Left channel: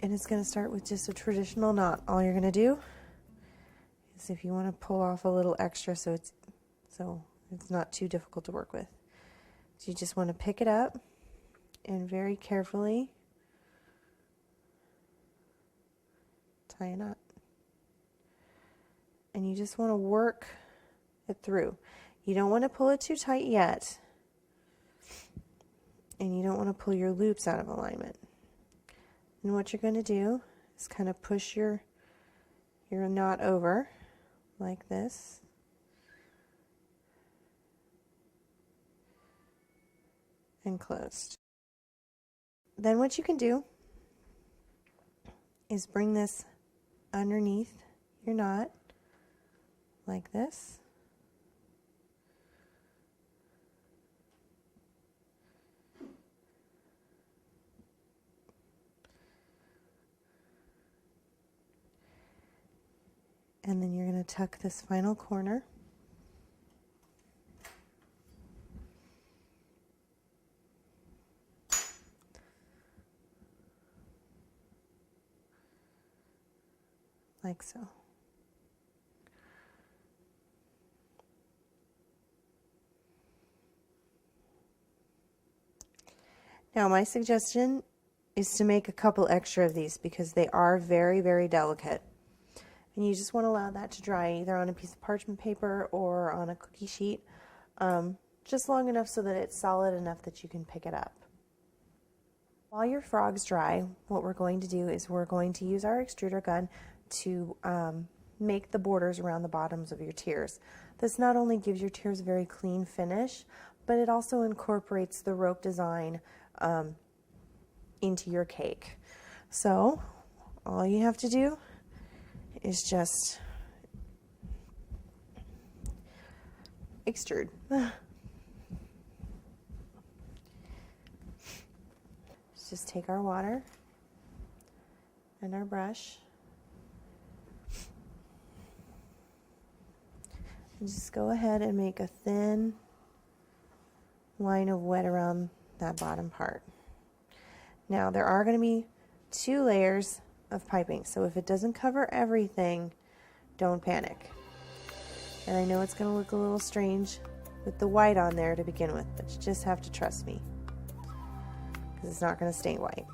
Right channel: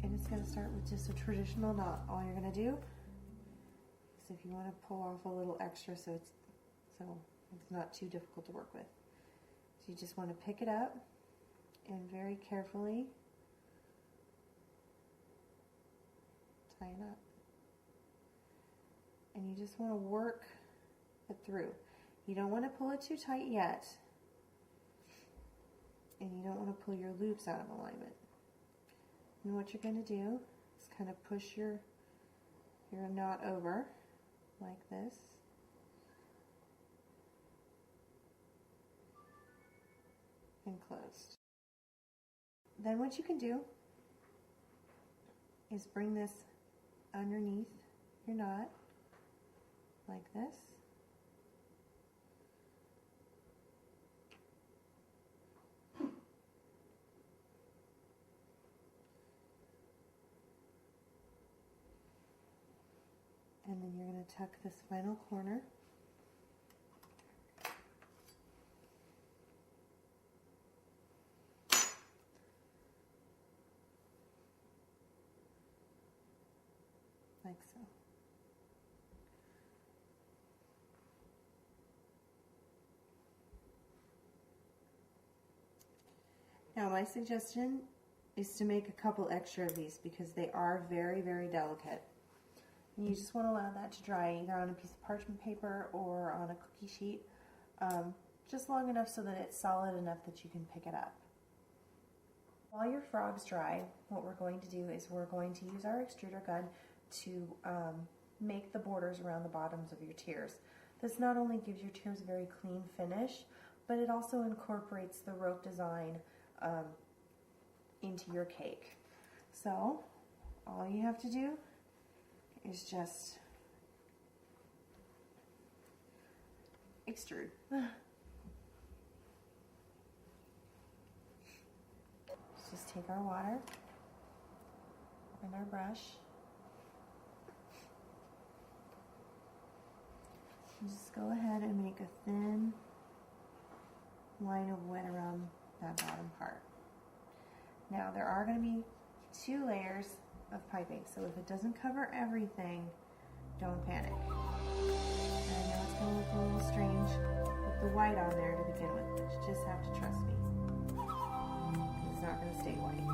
And it's going to start with just a traditional knot. All you're going to do is, if you want to pull off a little extra so it's not too difficult to work with, you just want to pick it up and very carefully tie a knot. And you just want to work it through. You don't want to pull it too tight yet, and you don't want to pull your loops out of alignment. And what you're going to do is kind of push your knot over like this. And closed. Then what you can do is bring this underneath your knot like this. And then you're going to tuck this final corner. Like so. Now my suggestion is to make a couple extra of these because they are very, very delicate. And you just want to allow that to dry either on a piece of parchment paper or on a cookie sheet, just long enough so that it's solid enough that you can pick it up. While your frog's dry, what we're going to do is we're going to use our extruder gun to make the borders around the bottoms of your tiers. This not only gives your tiers a very clean finish, but it also incorporates the rope design into your cake. So all you have to do is just extrude. Just take our water and our brush and just go ahead and make a thin line of wet around that bottom part. Now there are going to be 2 layers of piping, so if it doesn't cover everything, don't panic. And I know it's going to look a little strange with the white on there to begin with, but you just have to trust me, because it's not going to stay white.